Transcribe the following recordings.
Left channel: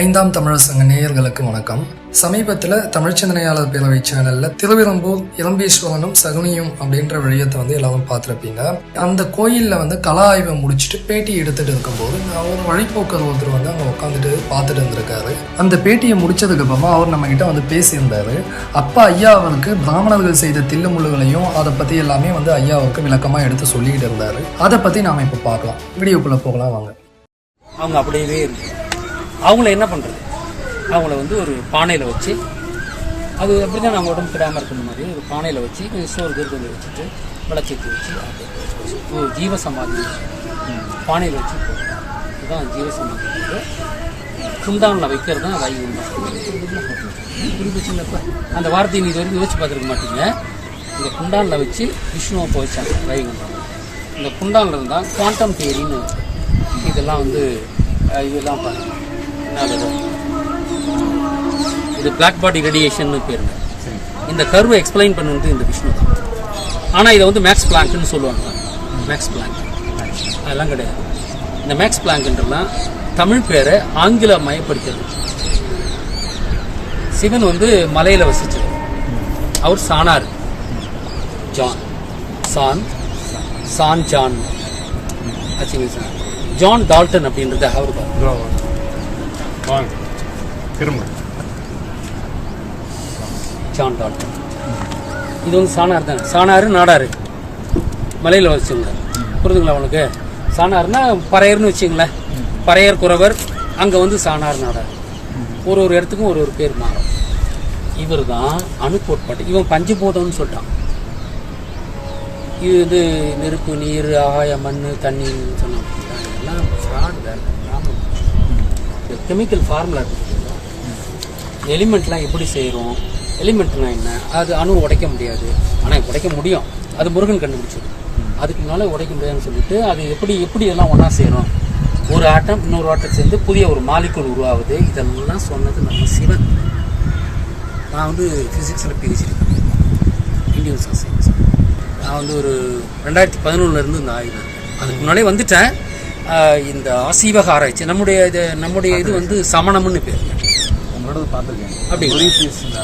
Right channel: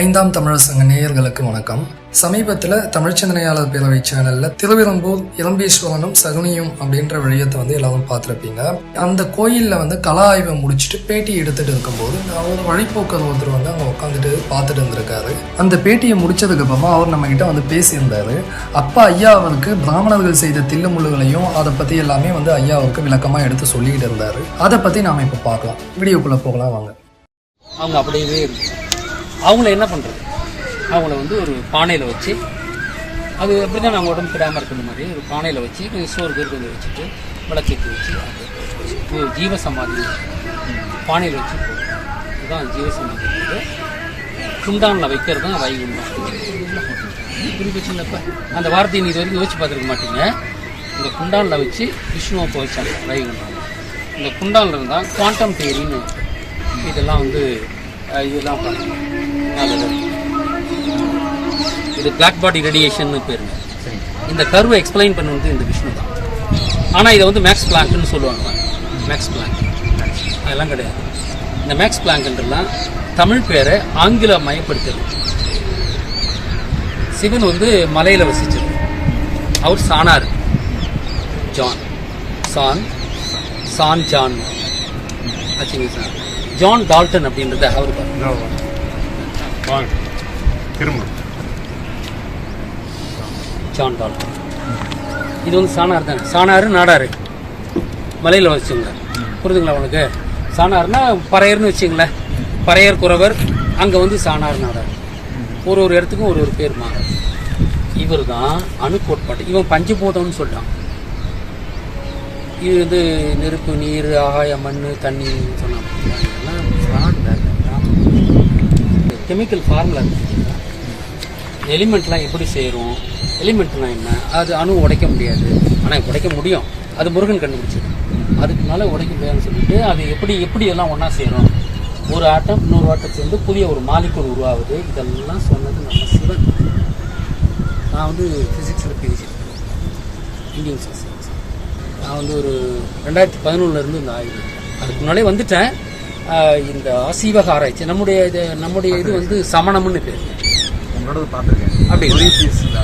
ஐந்தாம் தமிழர் சங்க நேயர்களுக்கு வணக்கம். சமீபத்தில் தமிழ் சிந்தனையாளர் பேரவை சேனல்ல திருவிரம்பூர் இளம்பீஸ்வரனும் சகுனியும் அப்படின்ற வழியத்தை எல்லாரும் பார்த்துருப்பீங்க. அந்த கோயிலில் கலா ஆய்வை முடிச்சுட்டு பேட்டி எடுத்துட்டு இருக்கும்போது ஒரு வழிபோக்கர் ஒருத்தர் அங்கே உட்காந்துட்டு பார்த்துட்டு இருந்திருக்காரு. அந்த பேட்டியை முடிச்சதுக்கு அப்புறமா அவர் நம்ம கிட்ட பேசியிருந்தாரு. அப்பா ஐயா அவருக்கு பிராமணர்கள் செய்த தில்லுமுள்ளுகளையும் அதை பத்தி எல்லாமே ஐயா அவருக்கு விளக்கமா எடுத்து சொல்லிக்கிட்டு இருந்தாரு. அதை பத்தி நாம இப்ப பார்க்கலாம். வீடியோக்குள்ள போகலாம் வாங்க. அவங்க அப்படியே இருக்கு. அவங்கள என்ன பண்ணுறது, அவங்கள ஒரு பானையில் வச்சு, அது அப்படி தான் நாங்கள் உடம்பு கிடாமல் இருக்கிற மாதிரி ஒரு பானையில் வச்சு சோறு கருத்து வச்சுட்டு விளக்கேற்றி வச்சு ஜீவசமாதி பானையில் வச்சு இதுதான் ஜீவசமாதி. குண்டானில் வைக்கிறது தான் வைகுண்டம். குறிப்பிட்ட அந்த வார்த்தையை இது வரைக்கும் யோசிச்சு பார்த்துருக்க மாட்டீங்க. இந்த குண்டானில் வச்சு விஷ்ணுவை போயிச்சாங்க வைகுண்டம். இந்த குண்டானில் இருந்தால் குவாண்டம் தியரின்னு இதெல்லாம் இதெல்லாம் பண்ணுங்க. இது பிளாக் பாடி ரேடியேஷன் பேருங்க. இந்த கர்வை எக்ஸ்பிளைன் பண்ணது இந்த விஷ்ணு தான். ஆனா இதை மேக்ஸ் பிளாங்க்னு சொல்லுவாங்க. மேக்ஸ் பிளாங்க் அதெல்லாம் கிடையாது. இந்த மேக்ஸ் பிளாங்க்ன்றலாம் தமிழ் பேரை ஆங்கில மயப்படுத்துறது. சிவன் மலையில வசிச்சது. அவர் சானார் ஜான் சான் ஜான் ஆச்சுங்க சார். ஜான் டால்டன் அப்படின்றது அவர் ஜான் டால்டன். இது சாணார் தான். சாணாறு நாடாரு மலையில் வச்சுங்க. புரிதுங்களா உங்களுக்கு? சாணார்னா பறையர்னு வச்சுங்களேன். பறையர் குறவர் அங்கே சாணார் நாடார். ஒரு இடத்துக்கும் ஒரு பேர் மாறும். இவர் தான் அணு கோட்பாட்டு. இவன் பஞ்சபூதம்னு சொல்லிட்டான். இது நெருப்பு, நீர், ஆகாய, மண், தண்ணின்னு சொன்னான். இதெல்லாம் ஃப்ராட் வேறு. கெமிக்கல் ஃபார்முலா இருக்குது. எலிமெண்ட்லாம் எப்படி செய்கிறோம், எலிமெண்ட்னா என்ன, அது அணு உடைக்க முடியாது. ஆனால் உடைக்க முடியும். அது முருகன் கண்டுபிடிச்சது. அதுக்குனால உடைக்க முடியாதுன்னு சொல்லிட்டு அது எப்படி எல்லாம் ஒன்றா செய்கிறோம். ஒரு ஆட்டம் இன்னொரு ஆட்டம் சேர்ந்து புதிய ஒரு மாலிகுல் உருவாகுது. இதெல்லாம் சொன்னது நம்ம சிவன். நான் ஃபிசிக்ஸில் பிஹெச்டி பண்ணியிருக்கேன். Indian science. நான் ஒரு 2011 இந்த ஆய்வு இருக்கேன். அதுக்கு முன்னாடியே வந்துட்டேன். இந்த ஆசீவக ஆராய்ச்சி நம்முடைய இது சமணம்னு பேர். உங்களோட பார்த்துருக்கேன். அப்படி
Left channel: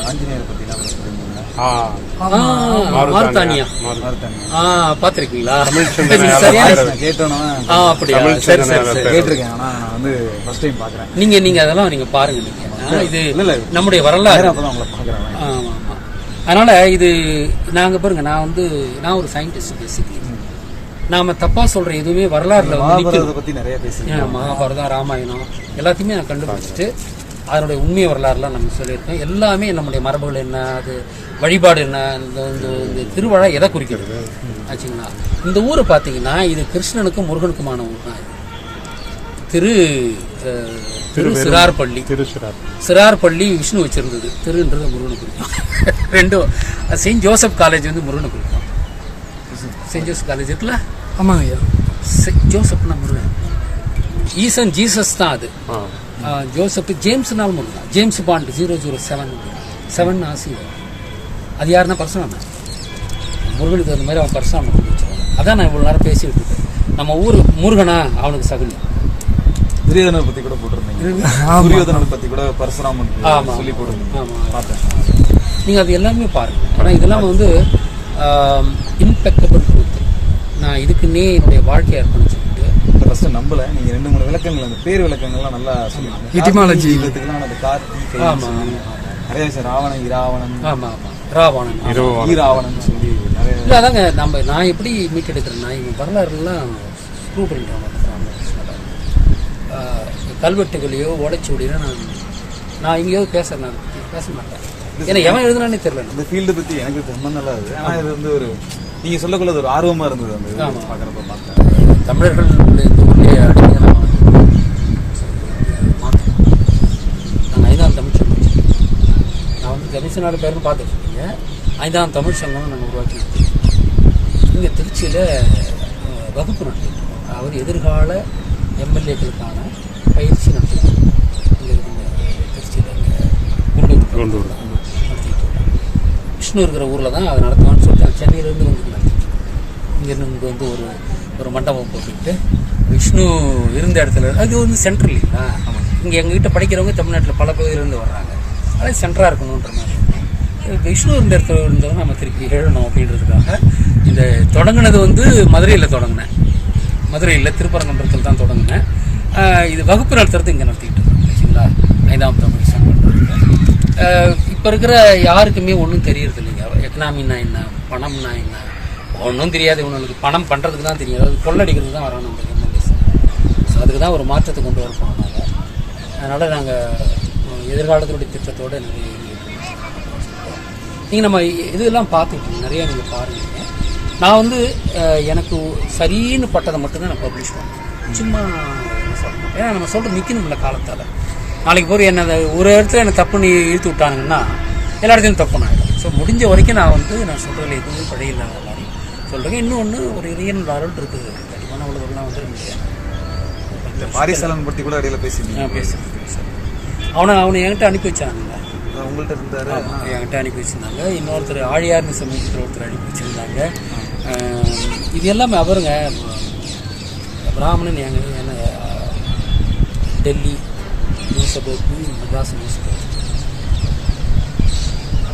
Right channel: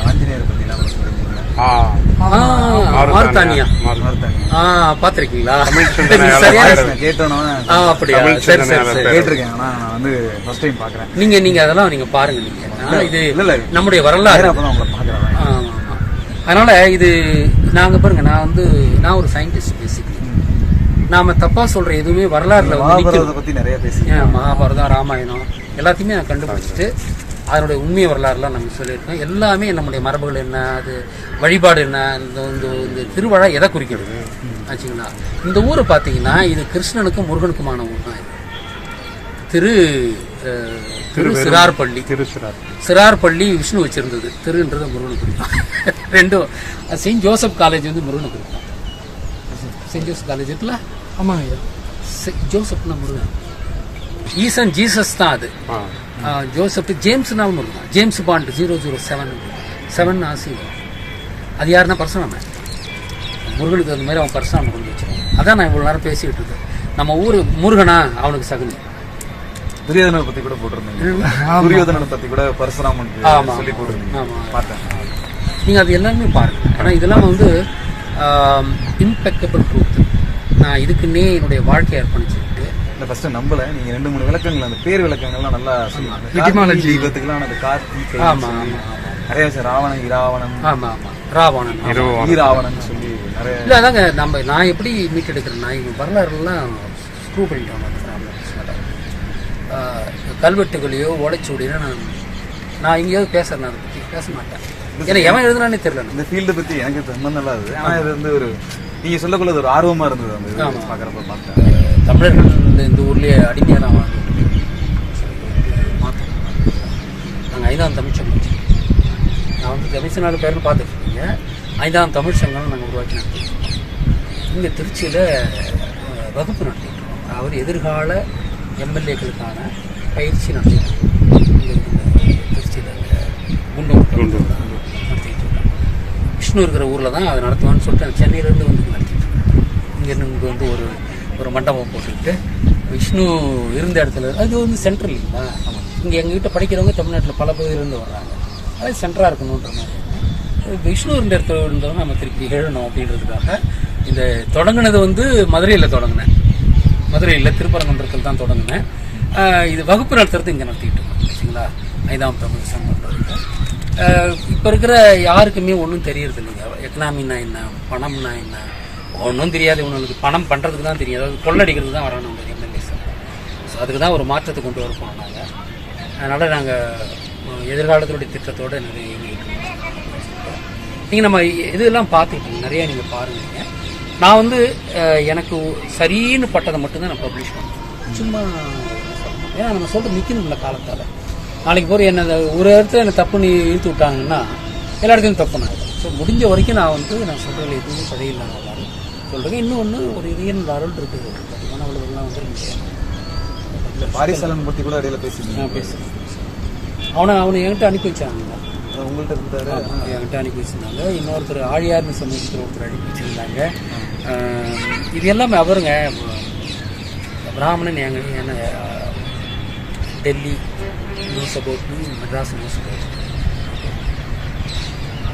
ஆஞ்சநேயரை பற்றிலாம் மார்த்தானியா பாத்திருக்கீங்களா? கேட்டோம். அப்படியா? சரி சரி சரி கேட்டிருக்கேன். ஆனா நான் ஃபர்ஸ்ட் டைம் பாக்குறேன். நீங்க அதெல்லாம் நீங்க பாருங்க. நீங்க இது நம்முடைய வரலாறு. அப்பதான் உங்களை பாக்குறேன். ஆமா. அதனால இது நாங்க பாருங்க. நான் ஒரு சயின்டிஸ்ட். பேசிக்கலி நாம தப்பா சொல்ற எதுவுமே வரலாறுல பத்தி நிறைய பேசுறேன். மகாபாரதம், ராமாயணம் எல்லாத்தையுமே நான் கண்டுபிடிச்சிட்டு அதனுடைய உண்மை வரலாறுலாம் நம்ம சொல்லியிருக்கோம். எல்லாமே நம்முடைய மரபுகள் என்ன, அது வழிபாடு என்ன, இந்த திருவிழா எதை குறிக்கிறது ஆச்சுங்களா? இந்த ஊரை பார்த்தீங்கன்னா இது கிருஷ்ணனுக்கும் முருகனுக்குமான ஊர் தான். திரு சிறார்பள்ளி. சிறார்பள்ளி விஷ்ணு வச்சிருந்தது. திருன்றது முருகனுக்கு குறிக்கும். ரெண்டும். செயின்ட் ஜோசப் காலேஜ் முருகனுக்கு குறிக்கும். செயின்ட் ஜோசப் காலேஜ் இருக்குல்ல? ஆமாங்க. ஜோசப்னா முருகன். ஈசன் ஜீசஸ் தான் அது. ஜோசப் ஜேம்ஸ்னாலும் முருகன். ஜேம்ஸ் பாண்ட் 007 ஆசி. அது யாருன்னா பரசுராமன். முருகனுக்கு அந்த மாதிரி அவன் பரசுராமன் கொண்டு வச்சிருவான். அதான் நான் இவ்வளவு நேரம் பேசிட்டு இருக்கேன். நம்ம ஊரு முருகனா அவனுக்கு சகுனி. துரியோதனை பத்தி கூட போட்டிருந்தீங்க. துரியோதனை பத்தி கூட பரசுராமன் சொல்லி போட்டிருந்தீங்க. பார்த்தேன். நீங்க அது எல்லாமே பாருங்க. ஏன்னா இதெல்லாம் இம்பெக்கபிள் ட்ரூத். நான் இதுக்குன்னே என்னுடைய வாழ்க்கையை அர்ப்பணிச்சுக்கிட்டு ஃபர்ஸ்ட் நம்பல. நீங்க 2-3 விளக்கங்கள், அந்த பேர் விளக்கங்கள்லாம் நல்லா சொல்லுவாங்க. அந்த கார்த்திகை நிறைய ராவணன், இராவணன். ஆமா ஆமா, ராவணன், ஈராவணன் சொல்லி நிறைய. இல்ல அதாங்க நான் எப்படி மீட்டெடுக்கிறேன்னா இவங்க வரலாறுலாம் ப்ரூவ் பண்ணிட்டாங்க. கல்வெட்டுகளையோ ஓலைச்சுவடியோ நான் எங்கேயாவது பேசுறேன். அதை பத்தி பேச மாட்டேன். ஏன்னா எவன் எழுதுனானே தெரியல. இந்த ஃபீல்டு பத்தி எனக்கு சம்பந்தம் இல்லாது. ஆனா இது ஒரு நீங்க சொல்லக்குள்ள ஒரு ஆர்வமா இருந்தது. அந்த பாக்குறப்ப பார்த்தேன். தமிழர்கள் இந்த ஊர்லயே அடிமையா நம்ம நாங்கள் 5ஆம் தமிழ் சங்கம். நான் தமிழ்நாடு பேருன்னு பார்த்துட்டு இருக்கீங்க. 5ஆம் தமிழ் சங்கம் நாங்கள் உருவாக்கி நடத்திட்டு இங்கே திருச்சியில் வகுப்பு நடத்திட்டு இருக்கோம். அவர் எதிர்கால எம்எல்ஏக்களுக்கான பயிற்சி நடத்திட்டு திருச்சியில் குண்டூர் நடத்திட்டு இருக்கோம். விஷ்ணு இருக்கிற ஊரில் தான் அதை நடத்துவான்னு சொல்லிட்டு சென்னையிலேருந்து நடத்திட்டு இருக்கோம். இங்கேருந்து ஒரு மண்டபம் போட்டுக்கிட்டு விஷ்ணு இருந்த இடத்துல அது சென்ட்ரல் இல்லைங்களா? இங்கே எங்ககிட்ட படிக்கிறவங்க தமிழ்நாட்டில் பல பகுதியிலேருந்து வர்றாங்க. அது சென்டராக இருக்கணுன்ற மாதிரி விஷ்ணு இந்த இடத்துல இருந்தவங்க நம்ம திருப்பி எழுதணும் அப்படின்றதுக்காக இந்த தொடங்கினது வந்து மதுரையில் தொடங்கினேன். மதுரையில் திருப்பரங்குன்றத்தில் தான் தொடங்கினேன். இது வகுப்பு நடத்துறது இங்கே நடத்திக்கிட்டு இருக்கேன். சரிங்களா, 5ஆம் தமிழ் சங்கம். இப்போ இருக்கிற யாருக்குமே ஒன்றும் தெரியறது இல்லைங்க. எக்கனாமின்னா என்ன, பணம்னா என்ன ஒன்றும் தெரியாது. இவங்களுக்கு பணம் பண்ணுறதுக்கு தான் தெரியும். அதாவது கொள்ளடிக்கிறதுக்கு தான் வரோம் நம்ம எம்எல்ஏ சார். ஸோ அதுக்கு தான் ஒரு மாற்றத்தை கொண்டு வரப்போம் நாங்கள். அதனால் நாங்கள் எதிர்காலத்தினுடைய திட்டத்தோடு நிறைய நீங்கள் நம்ம இதெல்லாம் பார்த்துக்கிட்டீங்க, நிறையா நீங்கள் பாருங்க. நான் வந்து எனக்கு சரின்னு பட்டதை மட்டும்தான் நான் பப்ளிஷ் பண்ணுறேன். சும்மா சொல்லணும், ஏன்னா நம்ம சொல்கிறது நிற்கணும்ல காலத்தால். நாளைக்கு போய் என்ன ஒரு இடத்துல எனக்கு தப்பு நீ இழுத்து விட்டாங்கன்னா எல்லா இடத்துலையும் தப்பு நான் ஆகிடும். ஸோ முடிஞ்ச வரைக்கும் நான் வந்து நான் சொல்கிறதுல எதுவுமே பழைய இல்லாத மாதிரி சொல்கிறேன். இன்னொன்று ஒரு இறைவனோட அருள் இருக்குது. கண்டிப்பான அவ்வளோலாம் வந்து இந்த பாரிசாலன் பற்றி கூட இடையில பேசுறேன். அவனை என்கிட்ட அனுப்பி வச்சாங்க. உங்கள்கிட்ட இருந்தாரு, என்கிட்ட அனுப்பி வச்சிருந்தாங்க. இன்னொருத்தர் ஆழியார்னு சமூகத்தில் ஒருத்தர் அனுப்பி வச்சிருந்தாங்க. இது எல்லாமே அவருங்க பிராமணன் என்ன Delhi news about me, Madras news about.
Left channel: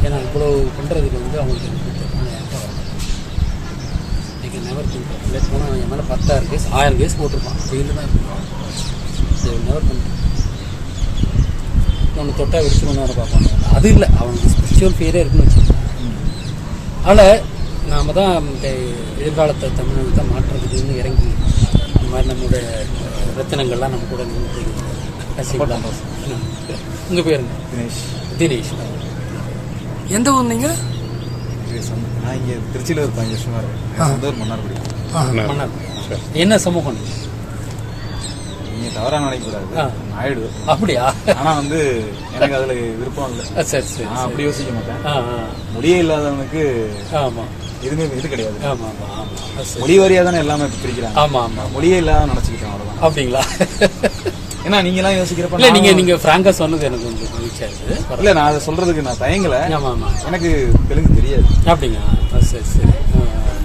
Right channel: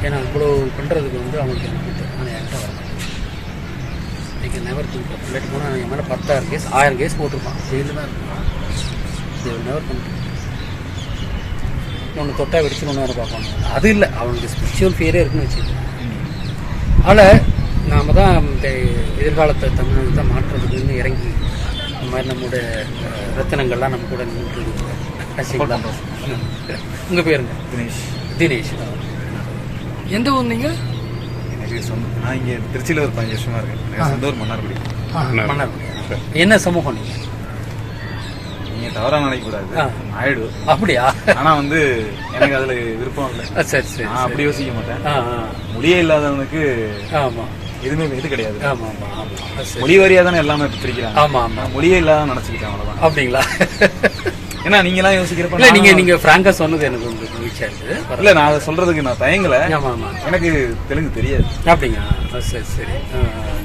ஏன்னா இவ்வளோ பண்ணுறதுக்கு வந்து அவங்களுக்கு எனக்கு தெரியும். ஆனால் என்கிட்ட வரணும் இன்னைக்கு நெவர் திங்க். இல்லாட்டி போனால் என் மேலே 10,000 கேஸ் 1000 கேஸ் போட்டிருப்பான். கோயில் தான் இருக்கும். Never think. ஒன்று தொட்டா வெடிச்சு ஒன்று நேரம் பார்ப்பாங்க. அது இல்லை, அவனுக்கு ஸ்பிரிச்சுவல் ஃபியரே இருக்குன்னு வச்சுக்கோங்க. அதனால் நாம் தான் இந்த எதிர்காலத்தை தமிழ்நாடு தான் மாற்றுறதுக்குன்னு இறங்கி இந்த மாதிரி நம்மளோட ரத்தினங்கள்லாம் நம்ம கூட நின்று. உங்கள் பேருங்க? தினேஷ். எந்த ஊர் நீங்கள்? எனக்கு நான் இங்கே திருச்சியில் ஒரு 5 வருஷமா இருக்கேன். சொந்த ஊர் மன்னார்குடி. மன்னார்குடி. என்ன சமூகம் நீங்கள்? நீங்க தவறா நினைக்க கூடாது, ஆயிடு. அப்படியா? ஆனா வந்து எனக்கு அதுல விருப்பம் இல்லை. சரி சரி, நான் அப்படி யோசிக்க மாட்டேன். முடியே இல்லாதவனுக்கு எதுவுமே இது கிடையாது. மொழி வாரியா தானே எல்லாமே பிரிக்கிறாங்க. ஆமா ஆமா, மொழியே இல்லாத நினைச்சுக்கிட்டேன், அவ்வளவுதான். அப்படிங்களா? ஏன்னா நீங்க எல்லாம் யோசிக்கிறப்ப நீங்க பிராங்கா சொன்னது எனக்கு வந்து மகிழ்ச்சியா இருக்கு. இல்ல, நான் அதை சொல்றதுக்கு நான் தயங்கல. எனக்கு தெலுங்கு தெரியாது. அப்படிங்களா? சரி சரி,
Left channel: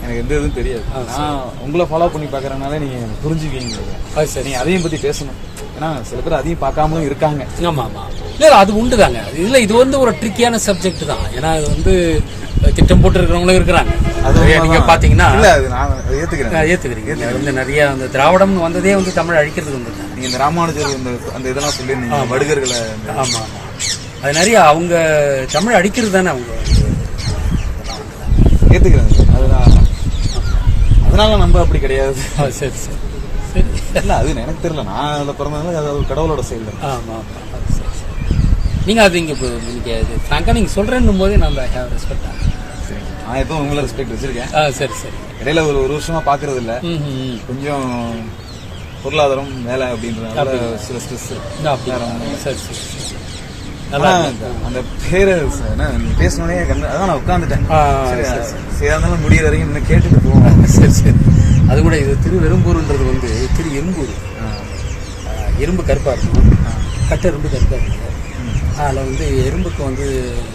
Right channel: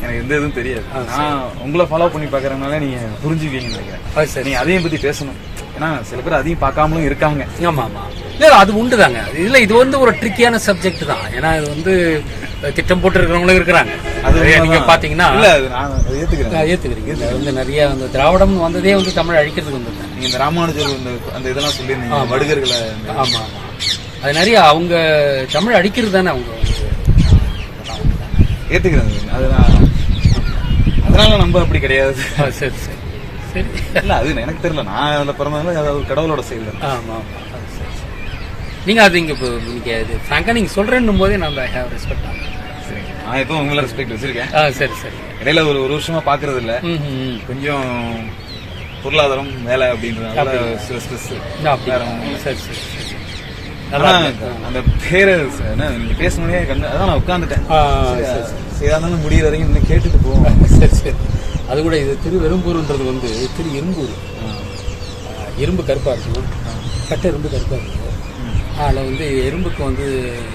எனக்கு எந்த இதுவும் தெரியாது. நான் உங்களை ஃபாலோ பண்ணி பாக்குறதுனால நீங்க புரிஞ்சுக்குவீங்கன்னு நினைக்கிறேன். நீங்க அதையும் பத்தி பேசணும். ஏன்னா சில பேர் அதையும் பார்க்காமலும் இருக்காங்க. ஆமா ஆமா, இல்ல அது உண்டுதாங்க. இல்ல இது வந்து ஒரு ட்ரிக்கியான சப்ஜெக்ட் தான். ஏன்னா இது வந்து திட்டம் போட்டு இருக்கிறவங்களும் இருக்கிறாங்க. அது நீங்க பாத்தீங்கன்னா இல்ல, அது நான் ஏத்துக்கிறீங்க. வந்து நிறைய அந்த திராவிடம் வந்ததே வந்து தமிழ் அழிக்கிறதுக்கு வந்திருக்காங்க. நீங்க இந்த ராமானுஜர் அந்த இதெல்லாம் சொல்லிருந்தீங்க, வடுகர்களை. ஆமா ஆமா, அது நிறைய அவங்க தமிழ் அடிக்கிறது தானே அவங்க ஏத்துக்கிறாங்க. அதனால நம்ம அப்படி கிடையாது. சரி சரி சரி, இல்ல அது எனக்கு தெரியல. நான் அதுல பிறந்ததுல அதாவது கடவுளோட செயல். ஆமா ஆமா, சரி சரி. நீங்க அது இங்க நீங்க ஃப்ராங்கா நீங்க சொல்றேன்னும் போதே நான் ஹேவ் ரெஸ்பெக்ட் ஆகும். சரி, நான் எப்பவும் உங்களை ரெஸ்பெக்ட் வச்சிருக்கேன். சரி சரி. இடையில ஒரு வருஷமா பாக்குறது இல்ல, கொஞ்சம் பொருளாதாரம் வேலை அப்படின்றதுனால சில ஸ்ட்ரெஸ். சரி சரி சரி. அந்த பேரு நீங்க பேசணுன்னே அதான் நான் உட்காந்துட்டேன். சேதாந்தாலும் முடிய வரைக்கும் இன்னும் கேட்டுட்டு போவோம். சரி சரி. அது கூட இது திருவெரும்பூர்ன்றது வந்து திரு எறும்பூர். எறும்பு கருப்பா இருக்கும், கட்ட எறும்பு கருப்பா இருக்கும். அதில் வந்து எறும்புக்கு வந்து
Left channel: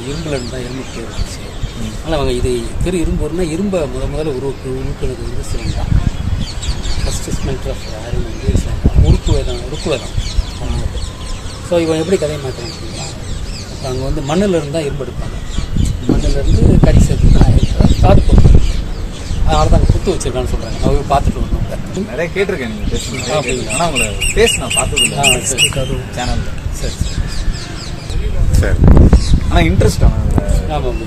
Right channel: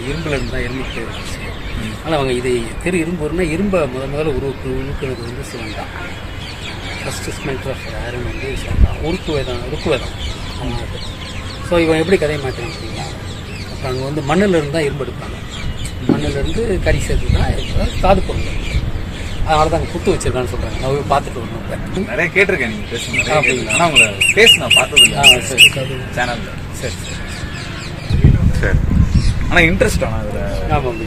இரும்புல இருந்தால் எறும்புக்கு பேர் வந்துச்சு. ஆனால் அவங்க இதை திரு இரும்பூர்னா இரும்பை முதல்ல உருக்குறது வந்து சிவன் தான். ஃபர்ஸ்ட் ஸ்மெல்டர் ஆஃப் ஏர்னு வந்து சிவன் தான். ருக்கு வேதம். ஸோ இவன் எப்படி கதையை மாற்றினான் அப்படிங்களா? அப்போ அங்கே வந்து மண்ணில் இருந்தால் இரும்பு எடுப்பாங்க. மண்ணிலேருந்து கறி சேர்த்து தான் காது போட்டு. அதனால தான் அங்கே புத்து வச்சிருக்கான்னு சொல்கிறாங்க. அவங்க பார்த்துட்டு வரணும். நிறைய கேட்டிருக்கேன் நீங்கள் பேசுங்க. ஆனால் உங்களை பேச நான் பார்த்தது இல்லை சேனலில். சரி சரி. ஆனால் இன்ட்ரெஸ்ட் ஆனால் அதில். ஆமாம்,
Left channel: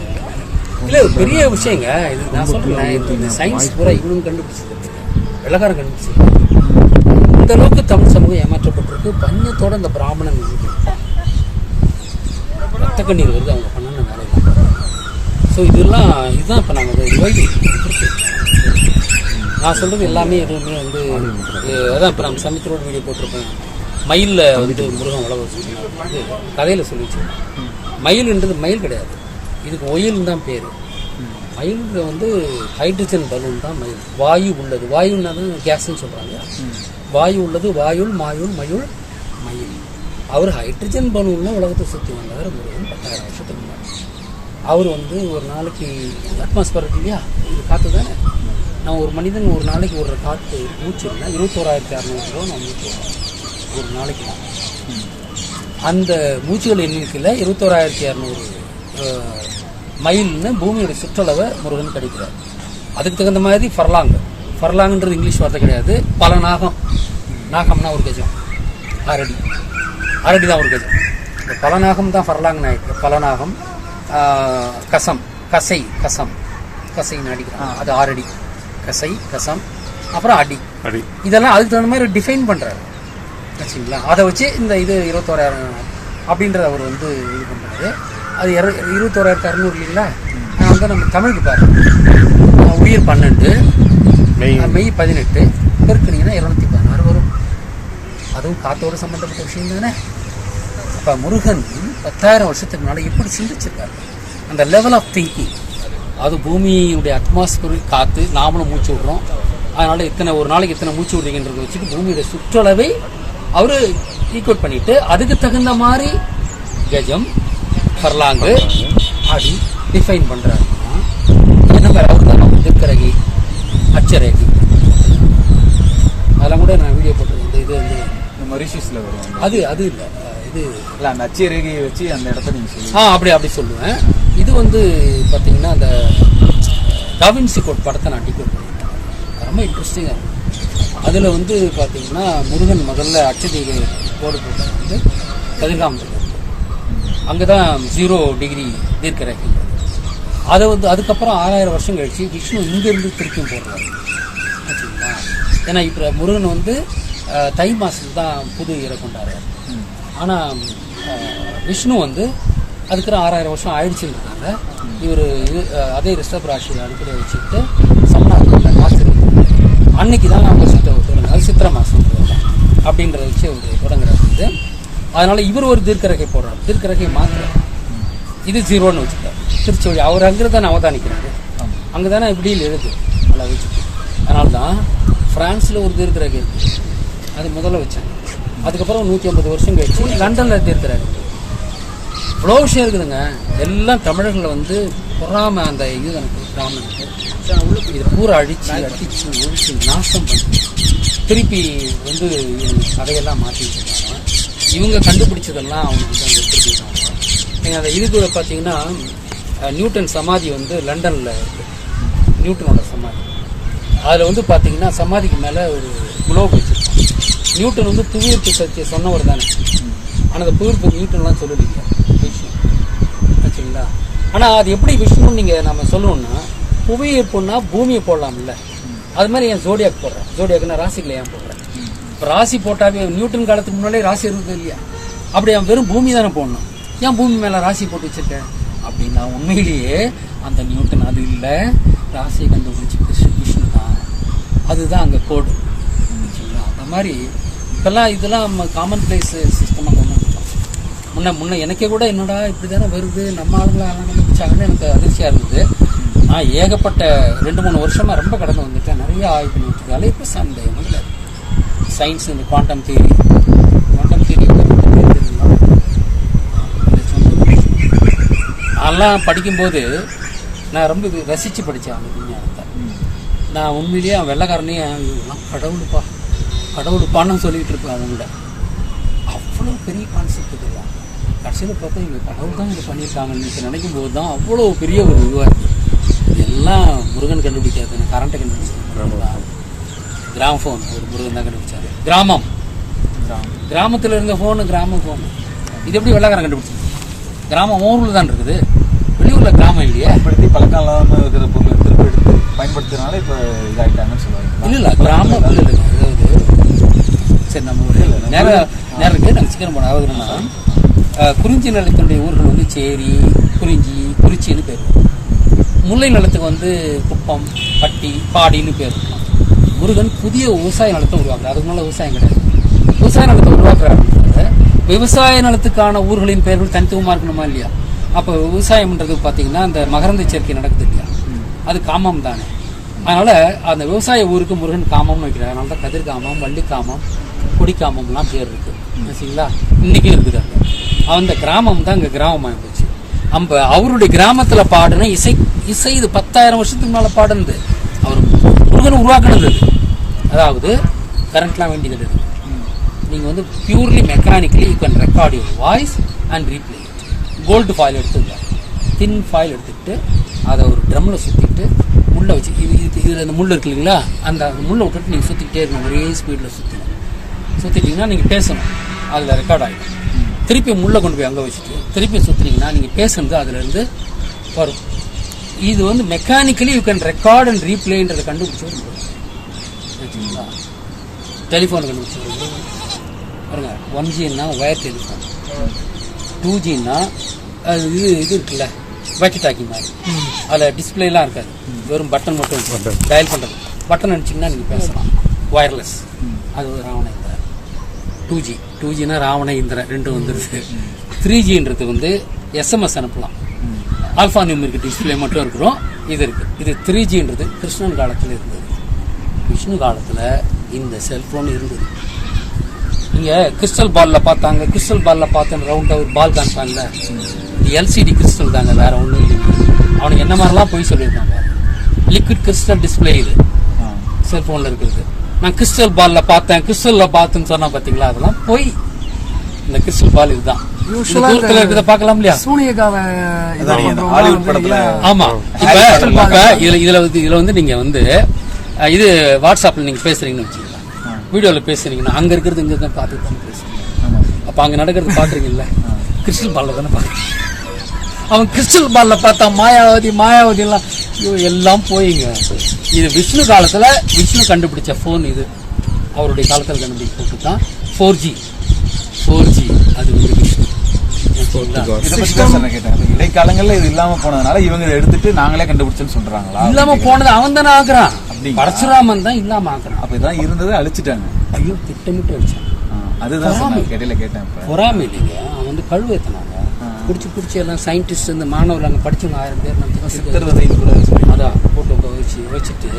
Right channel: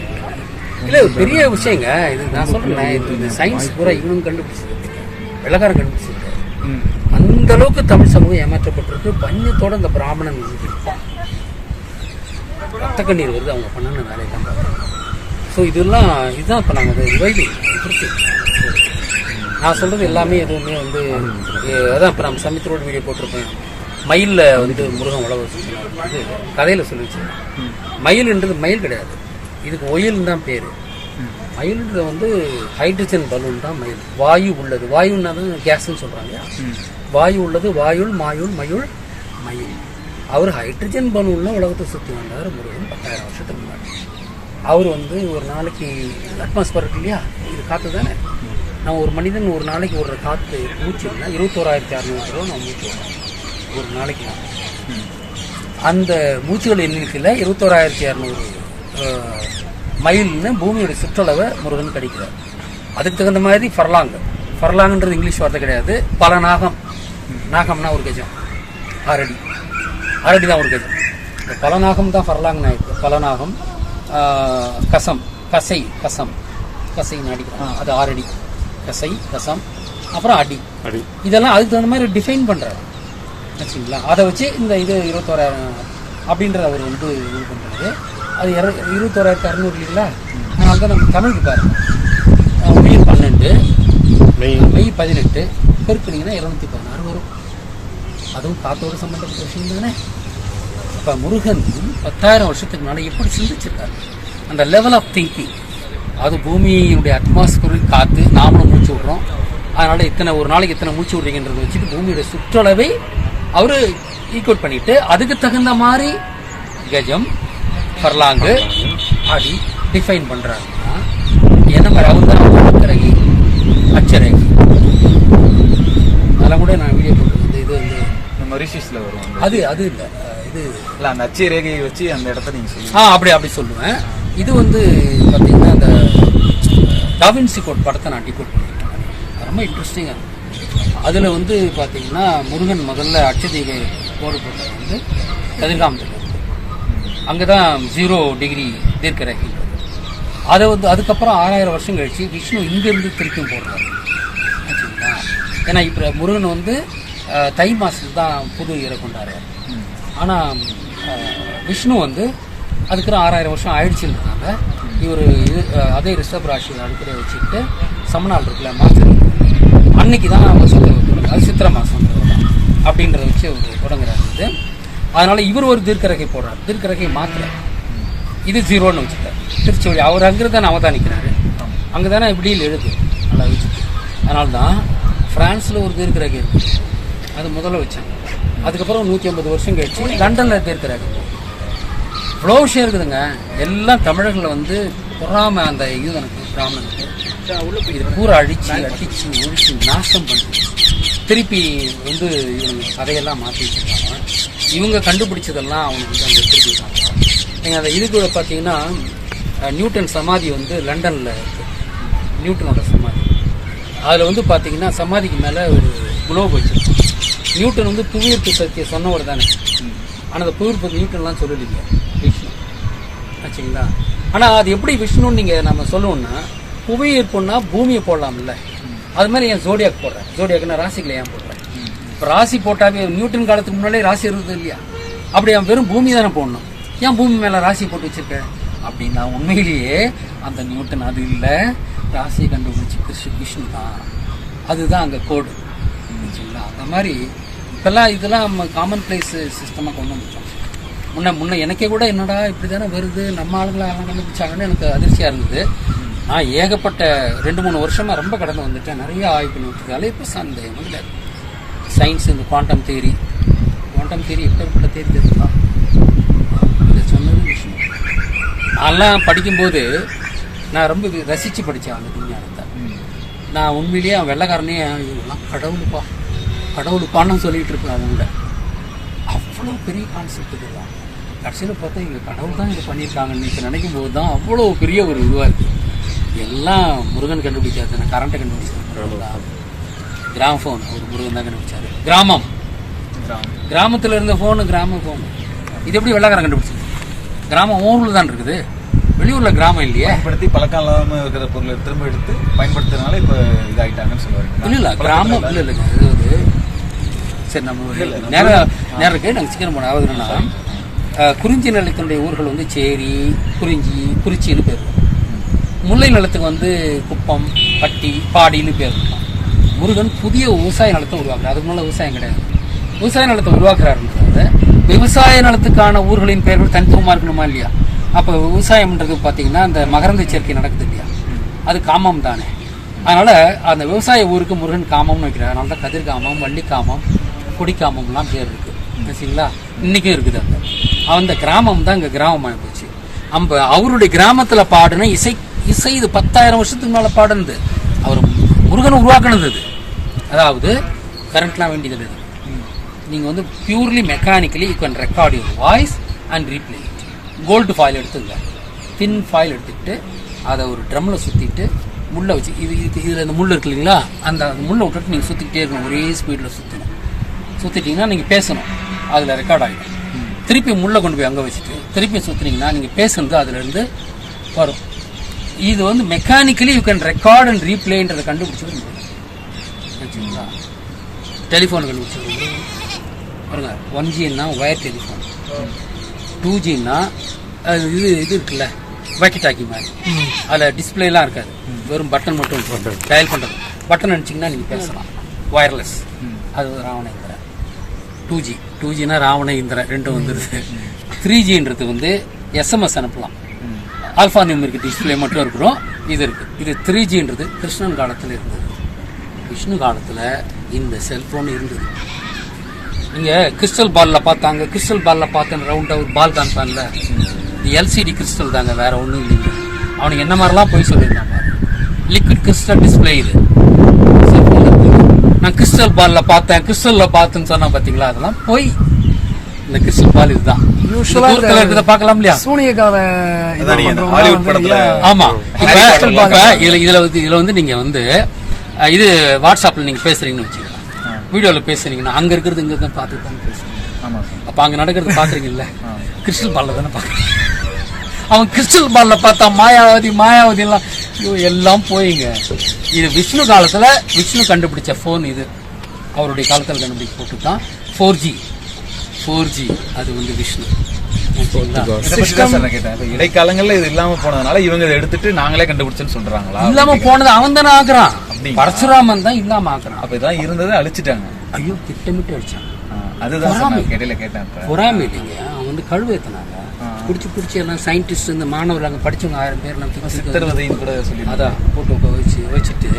இல்லை பெரிய விஷயங்க இது. நான் சொல்கிறேன், இந்த சயின்ஸ் பூரா இவனும் கண்டுபிடிச்சது, வெள்ளக்காரன் கண்டுபிடிச்சது. அந்த அளவுக்கு தமிழ் சமூகம் ஏமாற்றப்பட்டிருக்கு. பஞ்சத்தோட இந்த பிராமணன் இருப்பான், ரத்த கண்ணீர் வருது அவங்க பண்ணன வேலையெல்லாம். ஸோ இதுதான் இப்போ நாங்கள் ரிவைவிங் இருக்கு. நான் சொல்கிறது எல்லாமே எதுவுமே வந்து அதான் இப்போ நம்ம சமயத்தோட வீடியோ போட்டிருப்பேன். மயிலில் வந்து முருகன் உழவு வச்சுருந்தாரு வந்து கதையில் சொல்லி வச்சுருக்கேன். மயில்ன்றது மயில் கிடையாது, இதுக்கு ஒயில்னு தான் பேர். மயில்ன்றது வந்து ஹைட்ரஜன் பலூன் தான் மயில். வாயு உள்ளது, வாயுன்னா தான் கேஸ்ன்னு சொல்கிறாங்க. வாயு உள்ளது, வாயுள் மாயுள் மயுள் மயில். அவர் ஹைட்ரஜன் பலூன்லாம் உலகத்தை சுற்றி வந்தார் முருகன் 10,000 வருஷத்துக்கு முன்னாடி. அவர் வந்து ஒரு நாளைக்கு அட்மாஸ்பர் இருக்கு இல்லையா, இது காற்று தானே. நம்ம ஒரு மனிதன் ஒரு நாளைக்கு ஒரு காற்று மூச்சுன்னா 21,600 ரூபா நம்ம மூச்சு வரோம் ஒரு நாளைக்கு. நான் அந்த மூச்சுகள் எண்ணிக்கையில் 21,200 மைல்னு பூமியோட சுற்றளவை முருகன் கிடைக்கிறார். அதுக்கு தகுந்த மாதிரி ஃபர்லாங்ன்றது இங்கிலீஷ் வார்த்தை கிடையாது. பல நாகம், நாகம்னா ஒரு கஜம், 6 அடி, 6 அடி தான் ஒரு கஜம். இந்த பல நாகம் தான் ஃபர்லாங் ஆயிருக்கு. பல நாகம், கசம், கசைன்னு அடிக்கிறான், அது 6 அடி. கசை, கசம், அப்புறம் அடி. இதெல்லாம் அதுக்கு தகுந்த மாதிரி டிஃபைன் பண்றாரு வச்சுங்களா. அதை வச்சு இந்த இது 21,000 அப்படின்றத அவர் வந்து இது பண்றாரு. அது 21,600 இல்லைங்களா. நான் வந்து நம்ம தமிழுக்கு பாருங்க, உயிர் 12 மெய் 18 பெருக்கினீங்கன்னா 216 வரும். அதுவும் காத்தோடு சம்பந்தப்பட்ட விஷயம் தானே. இப்ப முருகன் 10,000 வருஷத்துக்கு முன்னாடி எப்படி சிந்திச்சிருக்காரு, அந்த லெவல் ஆஃப் திங்கிங். அது பூமியுடைய அட்மாஸ்பியரில் காத்து நாமளும் மூச்சு விடுறோம். அதனால ஒரு நாளைக்கு எத்தனை மூச்சு விடுறீங்கன்றதை வச்சுட்டு பூமியோட சுற்றளவை அவரு ஈக்குவல் பண்ணிட்டு அதுக்கு தகுந்த மாதிரி கஜம், ஃபர்லாங்கு, அடி டிஃபைன் பண்றாங்கன்னா என்ன மாதிரி அவர் தான் எழுத்தரகி, அச்சரகி, அதெல்லாம் கூட நான் வீடியோ போட்டிருக்கேன். இது வந்து மரிஷியஸ்ல வரும். அது இல்ல, இது இல்ல அந்த அச்சய ரேகையை வச்சு அந்த இடத்த நீங்க சொல்லுங்க. அப்படி சொல்லுவேன். இது வந்து பாத்தீங்கன்னா அந்த டாவின்சி கோட் படத்தை நான் டிகோட் பண்ணிருக்கேன். ரொம்ப இன்ட்ரெஸ்டிங்கா இருக்கும். அதுல வந்து பாத்தீங்கன்னா முருகன் முதல்ல அட்சதீகை கோடு போட்டது வந்து கதிர்காமத்தில் இருக்கு. அங்கதான் 0 டிகிரி தீர்க்க ரேகை. அதை வந்து அதுக்கப்புறம் 6000 வருஷம் கழிச்சு விஷ்ணு இங்க இருந்து திருப்பியும் போடுறாரு ஆச்சுங்களா. ஏன்னா இப்ப முருகன் வந்து தை மாசத்துல தான் புது இறை கொண்டாடுறாரு. ஆனா விஷ்ணு வந்து அதுக்கு 6000 வருஷம் ஆயிடுச்சுன்றதுனால இவர் அதே ரிஷப ராசியை அடிப்படையை வச்சுக்கிட்டு சமணாக்குள்ள மாசம் அன்னைக்கு தான் வருஷத்தை தொடங்க, அது சித்திரை மாசம் அப்படின்றத வச்சு அவர் தொடங்குறாரு. அதனால இவர் ஒரு தீர்க்கரகை போடுறாரு, தீர்க்கரகையை மாத்துறாரு. இது 0ன்னு வச்சுட்டார். திருச்செவடி அவர் அங்கிருந்தானே அவதானிக்கிறாரு, அங்கதானே இப்படியில் எழுது நல்லா வச்சுட்டு. அதனால்தான் பிரான்ஸ்ல ஒரு தீர்க்கரகை இருக்கு, அது முதல்ல வச்சாங்க. அதுக்கப்புறம் 150 வருஷம் கழிச்சு லண்டன்ல தீர்க்கரகை. இவ்வளோ விஷயம் இருக்குதுங்க. எல்லாம் தமிழர்களை வந்து பொறாம அந்த யூதனுக்கு பிராமணனுக்கு இது பூரா அடிச்சு ஒழிச்சு நாசம் பண்ணி திருப்பி வந்து கதையெல்லாம் மாற்றி வச்சிருக்காங்க. இவங்க கண்டுபிடிச்சதெல்லாம் அவங்க வந்து அங்கே திருப்பிட்டாங்க. நீங்கள் அந்த இது கூட பார்த்தீங்கன்னா நியூட்டன் சமாதி வந்து லண்டனில் இருக்கு, நியூட்டனோட சமாதி. அதில் வந்து பார்த்தீங்கன்னா சமாதிக்கு மேலே ஒரு குளோப் வச்சிருக்கோம். நியூட்டன் வந்து புவியீர்ப்பு சக்தியை சொன்னவர் தானே, ஆனால் அந்த புவியீர்ப்பு நியூட்டன்லாம் சொல்லலைங்க விஷ்ணு ஆச்சுங்களா. ஆனால் அது எப்படி விஷ்ணுன்னு நீங்கள் நம்ம சொல்லணும்னா புவியீர்ப்புன்னா பூமியை போடலாம்ல, அது மாதிரி என் ஜோடியாக் போடுறேன். ஜோடியாக்குன்னா ராசிகளை ஏன் போடுறேன்? இப்போ ராசி போட்டாவே நியூட்டன் காலத்துக்கு முன்னாலே ராசி இருந்தது இல்லையா, அப்படி அவன் வெறும் பூமி தானே போடணும். ஏன் பூமி மேலே ராசி போட்டு வச்சிருக்கேன் அப்படின்னா உண்மையிலேயே அந்த நியூட்டன் அது இல்லை, ராசியை கண்டுபிடிச்சி விஷ்ணு தான். அதுதான் அங்கே கோடு சரிங்களா. அந்த மாதிரி இப்பெல்லாம் இதெல்லாம் நம்ம காமன் பிளேஸ் சிஸ்டமாக கொண்டு வந்துட்டோம். முன்ன எனக்கே கூட என்னடா இப்படி தானே வருது, நம்ம ஆளுங்களாம் கண்டுபிடிச்சாங்கன்னு எனக்கு அதிர்ச்சியாக இருந்தது. நான் ஏகப்பட்ட 2-3 வருஷமா ரொம்ப கடந்து வந்துட்டேன், நிறைய ஆய்வு பண்ணி வச்சிருக்காங்க. இப்போ சந்தேகம் இல்லை. சயின்ஸ் இந்த குவாண்டம் தியரி சொன்னது அதெல்லாம் படிக்கும்போது நான் ரொம்ப ரசித்து படித்தேன் அந்த விஞ்ஞானத்தை. நான் உண்மையிலேயே அவன் வெள்ளைக்காரனே கடவுளுப்பான்னு சொல்லிட்டு இருப்பேன். அவங்கள அவ்வளோ பெரிய கான்செப்ட் இதெல்லாம் கடைசியில் பார்த்தா இங்கே கடவுள் தான் இதை பண்ணியிருக்காங்கன்னு நினைக்கும் போது தான் அவ்வளோ பெரிய ஒரு இதுவாக இருக்குது. எல்லாம் முருகன் கண்டுபிடிச்சாரு. கரண்ட்டை கண்டுபிடிச்சாரு, கிராமஃபோன் ஒரு முருகன் தான் கண்டுபிடிச்சாரு. கிராமத்தில் இருந்த ஃபோனு கிராம ஃபோனு இது எப்படி வெள்ளைக்காரன் கண்டுபிடிச்சது? கிராமம் ஊரில் தான் இருக்குது, வெளியூர்ல கிராமம் இல்லையே. பழக்கம் இல்லாமல் இருக்கிற பொருளை திருப்பி எடுத்து பயன்படுத்துறதுனால இப்போ இதாகிட்டாங்கன்னு சொல்லுவாங்க. இல்லை கிராமம் இல்லைங்க. இது சரி நம்ம நேரம் கேட்டு நாங்கள் சீக்கிரம் போனோம். அதாவது என்னன்னா குறிஞ்சி நிலத்தினுடைய ஊர்கள் வந்து சேரி, குறிச்சின்னு பேர். முல்லை நிலத்துக்கு வந்து குப்பம், பட்டி, பாடின்னு பேர் இருக்கும். முருகன் புதிய விவசாய நிலத்தை உருவாக்குறாரு. அதுக்கு முன்னால விவசாயம் கிடையாது. விவசாய நிலத்தை உருவாக்குறாரு. விவசாய நிலத்துக்கான ஊர்களின் பெயர்கள் தனித்துவமா இருக்கணுமா இல்லையா? அப்ப விவசாயம்ன்றது பாத்தீங்கன்னா அந்த மகரந்த சேர்க்கை நடக்குது இல்லையா, அது காமம் தானே. அதனால அந்த விவசாய ஊருக்கு முருகன் காமம்னு வைக்கிறார். அதனால தான் கதிர்காமம், வள்ளிக்காமம், கொடிக்காமம்லாம் பேர் இருக்கு சரிங்களா. இன்னைக்கும் இருக்குது. அந்த கிராமம் தான் இங்க கிராமமா இருந்துச்சு. அவருடைய கிராமத்துல பாடுன இசை இது 10,000 வருஷத்துக்கு மேல பாடுனது. அவர் முருகன் உருவாக்குனது. அதாவது கரண்ட்லாம் வேண்டியது, நீங்கள் வந்து purely mechanically you can record your voice and replay it. Gold foil எடுத்துங்க, தின் ஃபாயில் எடுத்துக்கிட்டு அதை ஒரு ட்ரம்மில் சுற்றிட்டு முள்ளை வச்சு இதில் இந்த முள் இருக்கு இல்லைங்களா, அந்த முள்ளை விட்டுட்டு நீங்கள் சுற்றிக்கிட்டே இருக்கணும், ஒரே ஸ்பீடில் சுற்றணும். சுற்றிட்டிங்கன்னா நீங்கள் பேசணும், அதில் ரெக்கார்ட் ஆகிடும். திருப்பி முள்ளை கொண்டு போய் அங்கே வச்சுட்டு திருப்பி சுற்றுனீங்கன்னா நீங்கள் பேசுனது அதுலேருந்து வரும். இது வந்து mechanically you can record and ரீப்ளேன்றதை கண்டுபிடிச்சது வச்சுங்களா. டெலிஃபோன் கண்டுபிடிச்சது பாருங்க. 1Gன்னா ஒயர் டெலிஃபோன், 2Gன்னா அது இது இருக்குல்ல வாக்கி டாக்கி மாதிரி, அதில் டிஸ்பிளேலாம் இருக்காது, வெறும் பட்டன் மட்டும் டயல் பண்ணுறது. பட்டன் அடிச்சிங்கன்னா நீங்கள் பேசலாம், ஒயர்லெஸ். அது ராவண இந்திரன். 2Gனா ராவண இந்திரன் ரெண்டும் வந்துருது. 3Gன்றது வந்து SMS அனுப்பலாம், ஆல்ஃபா நியூமரிக் டிஸ்பிளே மட்டும் இருக்கிறோம். இது இருக்கு. இது 3Gன்றது கிருஷ்ணன் காலத்தில் இருந்தது. விஷ்ணு காலத்தில் இந்த செல்போன் இருந்தது. நீங்க கிறிஸ்டல் பால்ல பார்த்தாங்க, கிறிஸ்டல் பால்ல பார்த்தேன் ரவுண்டா ஒரு பால் காமிப்பான்ல, இது LCD கிறிஸ்டல் தாங்க, வேற ஒன்றும் இல்லைங்க. அவனுக்கு என்ன மாதிரிலாம் போய் சொல்லியிருக்காங்க. லிக்விட் கிறிஸ்டல் டிஸ்பிளே இது செல்போன்ல இருக்கு. நான் கிறிஸ்டல் பால்ல பார்த்தேன், கிறிஸ்டல்ல பார்த்தேன்னு சொன்னா பாத்தீங்களா, அதெல்லாம் போய். இந்த கிறிஸ்டல் பால் இதுதான் பார்க்கலாம் இல்லையா, சூனியக்கார ஹாலிவுட் படத்துல. ஆமா, இப்ப இதுல வந்து நீங்க வந்து இது வாட்ஸ்அப்ல நீங்க பேசுறீங்கன்னு வச்சுக்கலாம், வீடியோல பேசுறீங்கன்னா அங்க இருக்கிறது இங்க தான் பார்த்து தானே பேசுறீங்க. அப்ப அங்க நடக்கிறது பாக்குறீங்கல்ல, கிறிஸ்டல் பால்ல தானே பாக்குறீங்க. அவன் கிறிஸ்டல் பால்ல பார்த்தா மாயாவதி எல்லாம் போயிங்க. இது விஷ்ணு காலத்துல விஷ்ணு கண்டுபிடிச்ச போன். இது அவருடைய காலத்துல கண்டுபிடிச்ச போட்டு தான் 4G. அது வந்து விஷ்ணு. இடைக்காலங்கள்ல இது இல்லாம போனதுனால இவங்க இதை எடுத்துட்டு நாங்களே கண்டுபிடிச்சேன்னு சொல்றாங்களா? இல்லாம போனது அவன் தானே ஆக்குறான், பரசுராமன் தான் இல்லாம ஆக்குறான். அப்ப இதான் இருந்ததை அழிச்சிட்டாங்க. ஐயோ, திட்டமிட்டு வச்சான். அதுதான் கேட்டேன். பொறாமை இல்லைங்க, அவன் வந்து கழுவு ஏத்தினாங்க, பிடிச்சி எல்லாம் சயின்டிஸ்ட் இந்த மாணவர்கள் அங்க படிச்சவங்க 1000 பேர் நம்ம அதான் போட்டோ வச்சுட்டு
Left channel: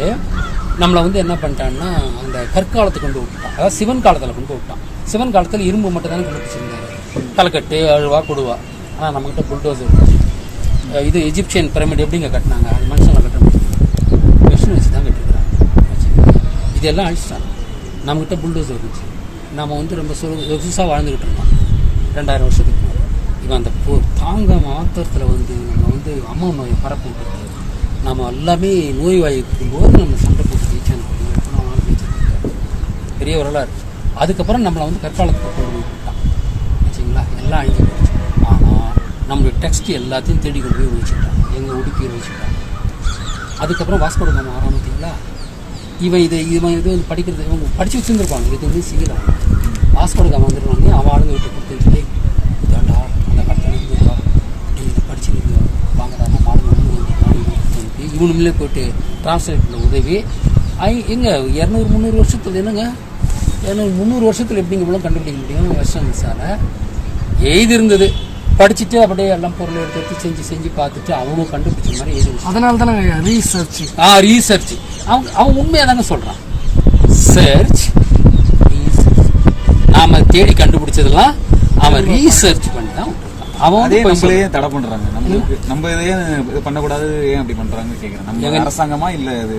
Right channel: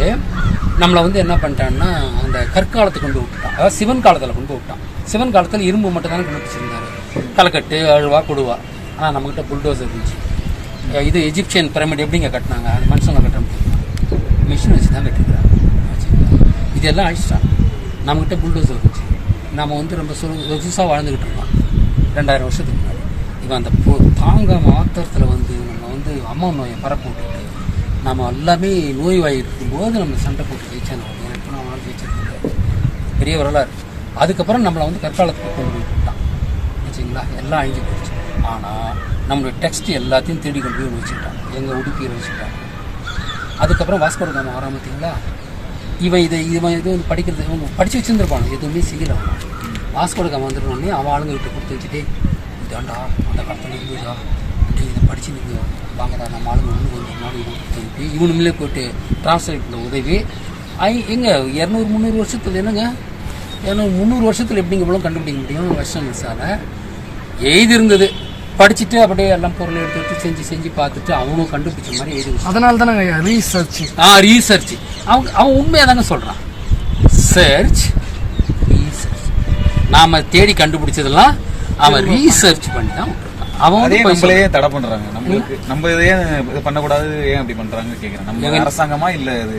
நம்மளை வந்து என்ன பண்ணிட்டான்னா அந்த கற்காலத்துக்கு கொண்டு விட்டுட்டான். அதாவது சிவன் காலத்துல கொண்டு விட்டான். சிவன் காலத்துல இரும்பு மட்டும் தானே கண்டுபிடிச்சிருந்தாரு, தலைக்கட்டு அழுவா கொடுவா. ஆனா நம்ம கிட்ட புல்டோசர் இருந்துச்சு. இது எஜிப்சியன் பிரமிட் எப்படிங்க கட்டினாங்க, அது மனுஷங்களை கட்ட முடியும், மிஷின் வச்சு தான் கட்டிக்கிறாங்க. இதெல்லாம் அழிச்சிட்டாங்க. நம்மகிட்ட புல்டோசர் இருந்துச்சு. நம்ம வந்து ரொம்ப சொகுசாக வாழ்ந்துகிட்டு இருக்கோம் 2000 வருஷத்துக்கு முன்னாடி. இவன் அந்த தாங்க மாத்திரத்தில் வந்து நம்ம வந்து அம்மா நோயை பரப்ப விட்டுட்டு நம்ம எல்லாமே நோய்வாய் இருக்கும்போது நம்ம சண்டை போட்டு ஜெயிச்சாங்க. எப்போ நான் ஜெயிச்சிருக்கேன், பெரிய வரலாறு. அதுக்கப்புறம் நம்மளை வந்து கற்காலத்துக்கு கொண்டு போய் விட்டான் வச்சுங்களா, எல்லாம் அழிஞ்சு போயிடுச்சு. ஆனால் நம்மளுடைய டெக்ஸ்ட் எல்லாத்தையும் தேடி கொண்டு போய் வச்சுக்கிட்டாங்க, எங்கள் உடுப்பியில் வச்சுக்கிட்டாங்க. அதுக்கப்புறம் வாஸ்கோட காமா வராம பார்த்தீங்களா, இவன் இது படிக்கிறது படிச்சு வச்சுருந்துருப்பாங்க, எதுவுமே செய்யலாம். வாஸ்கோட காமா வந்துடுவாங்க, அவன் ஆளுங்கிட்ட கொடுத்து வச்சுட்டு இதாண்டா அந்த காலத்தில் இருந்துடா இதை படிச்சு நீங்கள் வாங்கடா, நம்ம ஆளுங்க வந்து ஒரு நாடு சொல்லிட்டு இவனுங்களே போயிட்டு டிரான்ஸ்லேட்டில் உதவி எங்க 200-300 வருஷத்துல என்னங்க 200-300 வருஷத்துல எப்படிங்க இவ்வளோ கண்டுபிடிக்க முடியும்? வெஸ்டர்ன் மிஸ்ஸால எழுதி இருந்தது, படிச்சுட்டு அப்படியே எல்லாம் பொருளை எடுத்து செஞ்சு பார்த்துட்டு அவனும் கண்டுபிடிச்ச மாதிரி எழுதி. அதனால தானே ரீசர்ச் அவன் உண்மையா தானே சொல்றான். ரீசர்ச் நாம தேடி கண்டுபிடிச்சதெல்லாம் அவன் ரீசர்ச் பண்ணி தான் அவன் நம்மளையே தடை பண்றாங்க. நம்ம இதையே இது பண்ணக்கூடாது, ஏன் அப்படி பண்றாங்க கேக்குறேன். நம்ம அரசாங்கமா இல்ல இது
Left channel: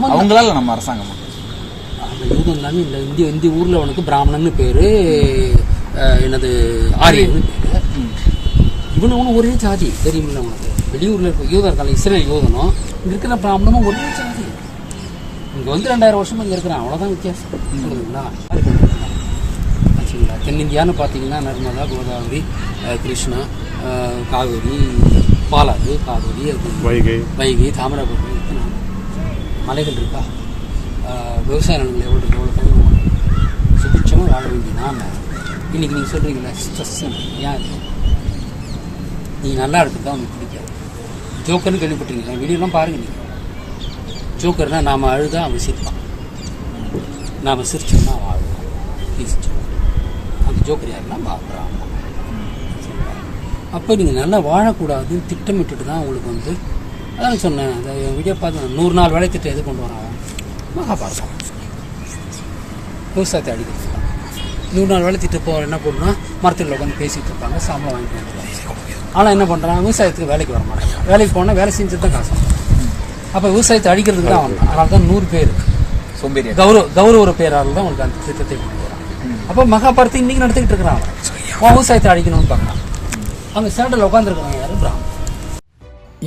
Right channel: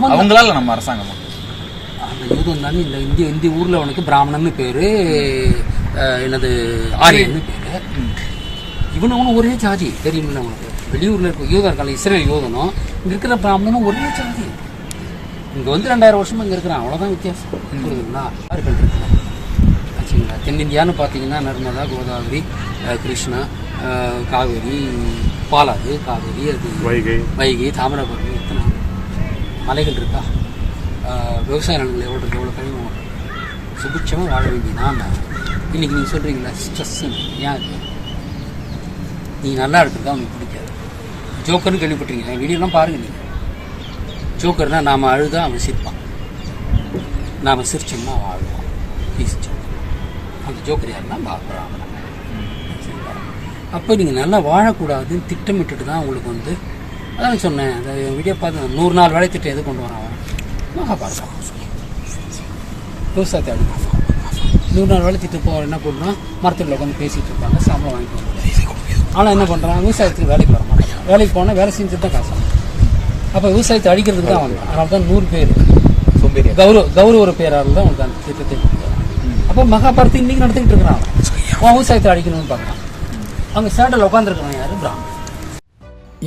அவங்களால நம்ம அரசாங்கமா? அந்த யூதம் தானே இந்த ஊர்ல உனக்கு பிராமணன் பேரு, என்னது ஆரியன்னு பேரு. இவனும் ஒரே ஜாதி தெரியுமில்ல உனக்கு. வெளியூர்ல இருக்க யூதா இருக்காங்க, இஸ்ரேல் யூதனும் இங்க இருக்கிற பிராமணனும் ஒரே ஜாதி. இங்க வந்து 2000 வருஷமா இங்க இருக்கிறான், அவ்வளவுதான் வித்தியாசம். சொல்லுங்களா ஆச்சுங்களா. தென்னிந்தியான்னு பார்த்தீங்கன்னா நர்மதா, கோதாவரி, கிருஷ்ணா, காவேரி, பாலாறு, காவேரி, அது வைகை, தாமிரபரணி, எத்தனை மலைகள் இருக்கா? விவசாய நிலங்கள் எவ்வளோ இருக்கு, எவ்வளோ கனிமம். சுபிட்சமாக வாழ வேண்டிய நாம இன்னைக்கு நீங்கள் சொல்கிறீங்களா ஸ்ட்ரெஸ் ஏன் நீங்கள் நல்லா இருக்கிறதா உங்களுக்கு பிடிக்காது. ஜோக்கர்னு கேள்விப்பட்டிருக்கீங்க, வீடியோலாம் பாருங்க. நீங்கள் ஜோக்கர்னா நாம் அழுதா அவன் சிரிப்பான், நாம் சிரிச்சோம்னா அவன் அழுவான். அந்த ஜோக்கர் யாருன்னா பார்க்குறான். அப்போ நீங்கள் நல்லா வாழக்கூடாதுன்னு திட்டமிட்டுட்டு தான் உங்களுக்கு வந்து அதான் சொன்னேன். அந்த வீடியோ பார்த்து 100 நாள் வேலை திட்டம் எது கொண்டு வரான் மகாபாரதம். விவசாயத்தை அடிக்கலாம் 100 நாள் வேலை திட்டம். இப்போ என்ன பண்ணுவான், மரத்தில் உட்காந்து பேசிகிட்டு இருப்பாங்க, சம்பளம் வாங்கிட்டு வந்துடுவாங்க. ஆனால் என்ன பண்ணுறான், விவசாயத்துக்கு வேலைக்கு வர மாட்டாங்க. வேலைக்கு போனால் வேலை செஞ்சுட்டு தான் காசு. அப்போ விவசாயத்தை அடிக்கிறதுக்கு தான் வந்தான். அதனால தான் 100 பேர் கௌரவ பேரால் தான் உங்களுக்கு அந்த திட்டத்தை கொண்டு வராங்க. அப்போ மகாபாரதம் இன்னைக்கு நடத்திக்கிட்டு இருக்கிறான். விவசாயத்தை அழிக்கணும்னு பார்க்குறான். அவங்க ஸ்டாண்டில் உட்காந்துருக்காங்க யாரு? பிராமணன்.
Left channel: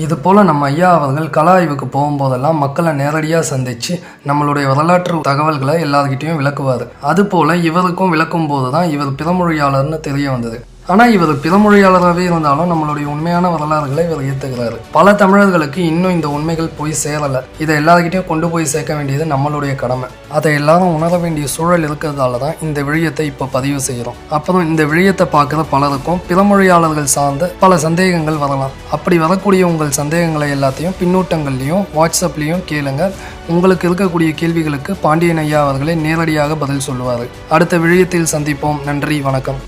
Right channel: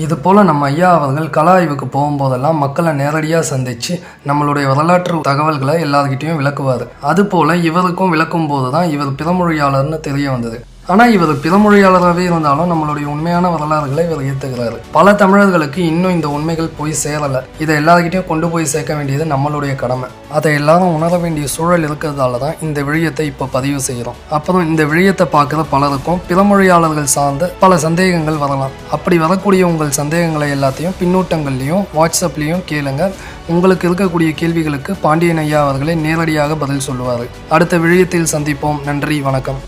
இது போல் நம்ம ஐயா அவர்கள் கள ஆய்வுக்கு போகும்போதெல்லாம் மக்களை நேரடியாக சந்தித்து நம்மளுடைய வரலாற்று தகவல்களை எல்லாருக்கிட்டையும் விளக்குவார். அதுபோல் இவருக்கும் விளக்கும் போது தான் இவர் பிறமொழியாளர்னு தெரிய வந்தது. ஆனால் இவர் பிறமொழியாளராகவே இருந்தாலும் நம்மளுடைய உண்மையான வரலாறுகளை இவர் ஏற்றுக்கிறாரு. பல தமிழர்களுக்கு இன்னும் இந்த உண்மைகள் போய் சேரலை. இதை எல்லாருக்கிட்டையும் கொண்டு போய் சேர்க்க வேண்டியது நம்மளுடைய கடமை. அதை எல்லாரும் உணர வேண்டிய சூழல் இருக்கிறதால தான் இந்த விழியத்தை இப்போ பதிவு செய்கிறோம். அப்புறம் இந்த விழியத்தை பார்க்குற பலருக்கும் பிறமொழியாளர்கள் சார்ந்த பல சந்தேகங்கள் வரலாம். அப்படி வரக்கூடிய உங்கள் சந்தேகங்களை எல்லாத்தையும் பின்னூட்டங்கள்லையும் வாட்ஸ்அப்லேயும் கேளுங்க. உங்களுக்கு இருக்கக்கூடிய கேள்விகளுக்கு பாண்டியன் ஐயா அவர்களே நேரடியாக பதில் சொல்லுவார். அடுத்த விழியத்தில் சந்திப்போம். நன்றி, வணக்கம்.